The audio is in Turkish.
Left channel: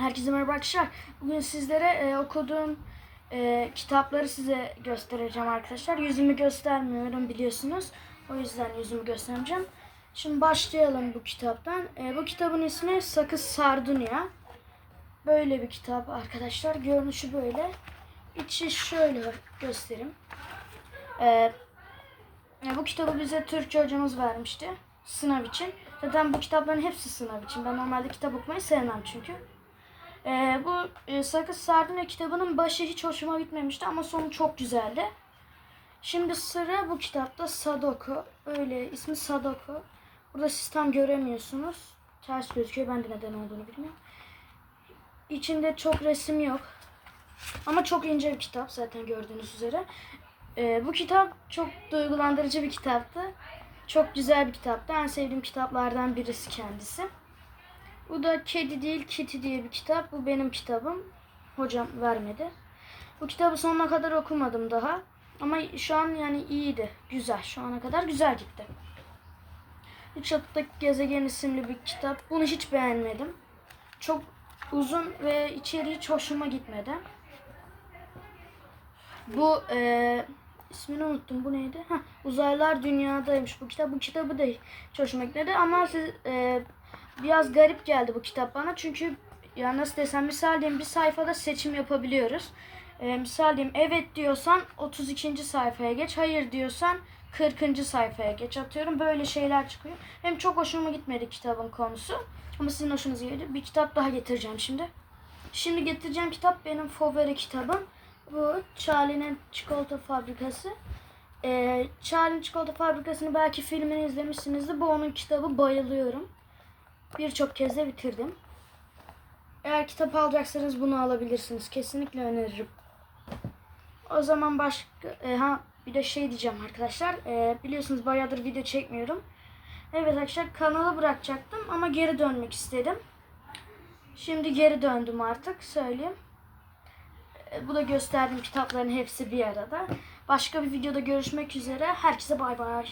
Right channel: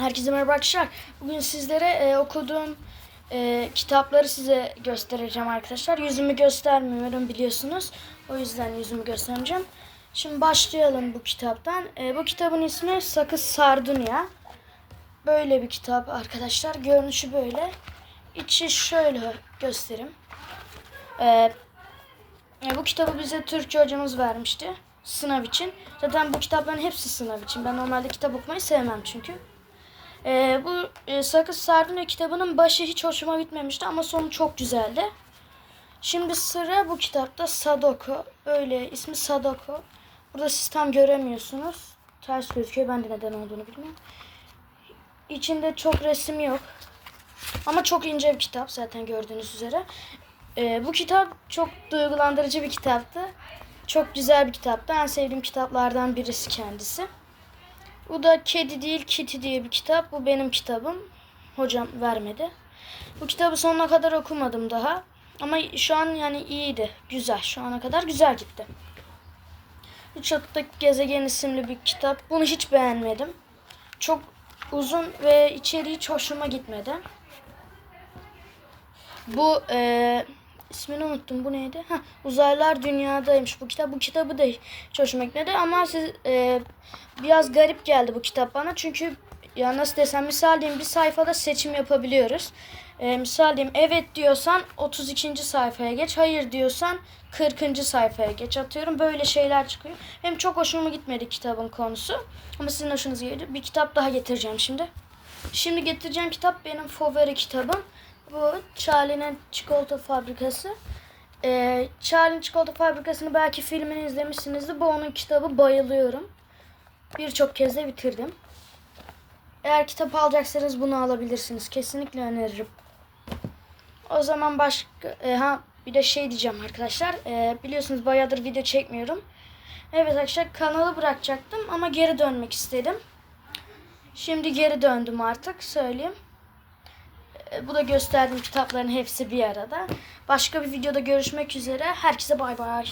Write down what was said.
Herkese merhaba arkadaşlar. Bugün sizlere e, okuduğum e, kitapları size göstereceğim arkadaşlar. Yüzümü göstermiyorum biliyorsunuz. O yüzden yüzümü göstereceğim. Şimdi başlayalım bu kitaptan. E, bu kitabın ismi Sakız Sardunya. Böyle bir kitap arkadaşlar. Görünüşü böyle. İçi şöyle göstereyim. E, e, bu kitabı bize Türkçe hocamız vermişti. Sınav için. Zaten bu kitapların hepsi sınav için. Ben normalde kitap okumayı sevmem çünkü. Ee, bu e, Sakız Sardunya kitabının başı hiç hoşuma gitmemişti ama sonu çok güzeldi. Şimdi sıra bu kitapta Sadoko. Öyle ismi Sadoko. Burada siz tam göremiyorsunuz. Ters gözüküyor. Ben de neden olduğunu bilmiyorum. İçinde çok resim yok. Ama çok ince bir kitap zaten gördüğünüz üzere. Ee, bu kitap çok duygulandırıcı bir kitaptı. Çok güzel bir kitaptı. En sevdiğim kitaplardan birisi kendisi. Bu da Kedi değil Kitty diye bir kitap. Bu benim kitabım. Hocam vermedi. Bu kitabı sonuna kadar okumadım daha. Ama şu an yani iyiydi. Güzel. Şu ana kadar güzel gitti. Üç Atıktaki Gezegen isimli bir kitap. Bunu hiç beğenmedim. Çok uzun ve içeriği hiç hoşuma gitmedi. Bu eee ismini unuttum. Bu neydi? Heh, Uzaylılar Dünyadaymış bu kitap. Bu kitabı da hiç hoşuma gitmedi ama siz eee, biraz garip geldi bu kitap bana. Çünkü ya nasıl desem misal diyeyim bir sayfada seçim yapabiliyoruz. Eee misal diyeyim evet diyorsan 32. sayfaya geç. Hayır diyorsan 40. sayfaya geç atıyorum. Böyle şeyler çıkıyor. Hem çok hoşuma gitmedi kitabın konusu. Ama sizin hoşunuza geldi. Bir kitap daha getireceğim şimdi. Şimdi getireceğim kitap benim favori kitabım. Bu Charlie'nin Çikolata Fabrikası. Ee, Charlie'nin Çikolata Fabrikası'nı belki filmini izlemişsinizdir. Bu onun kitabı bayılıyorum. Birçok kez de bitirdim. Eğer kitap alacaksanız bunu alabilirsiniz. Kesinlikle öneririm. O zaman başka... e, ha bir de şey diyeceğim arkadaşlar. E, biliyorsunuz bayağıdır video çekmiyorum. Evet arkadaşlar kanalı bırakacaktım ama geri dönmek istedim. Şimdi geri döndüm artık söyleyeyim. E, Bu da gösterdiğim kitapların hepsi bir arada. Başka bir videoda görüşmek üzere. Herkese bay bay.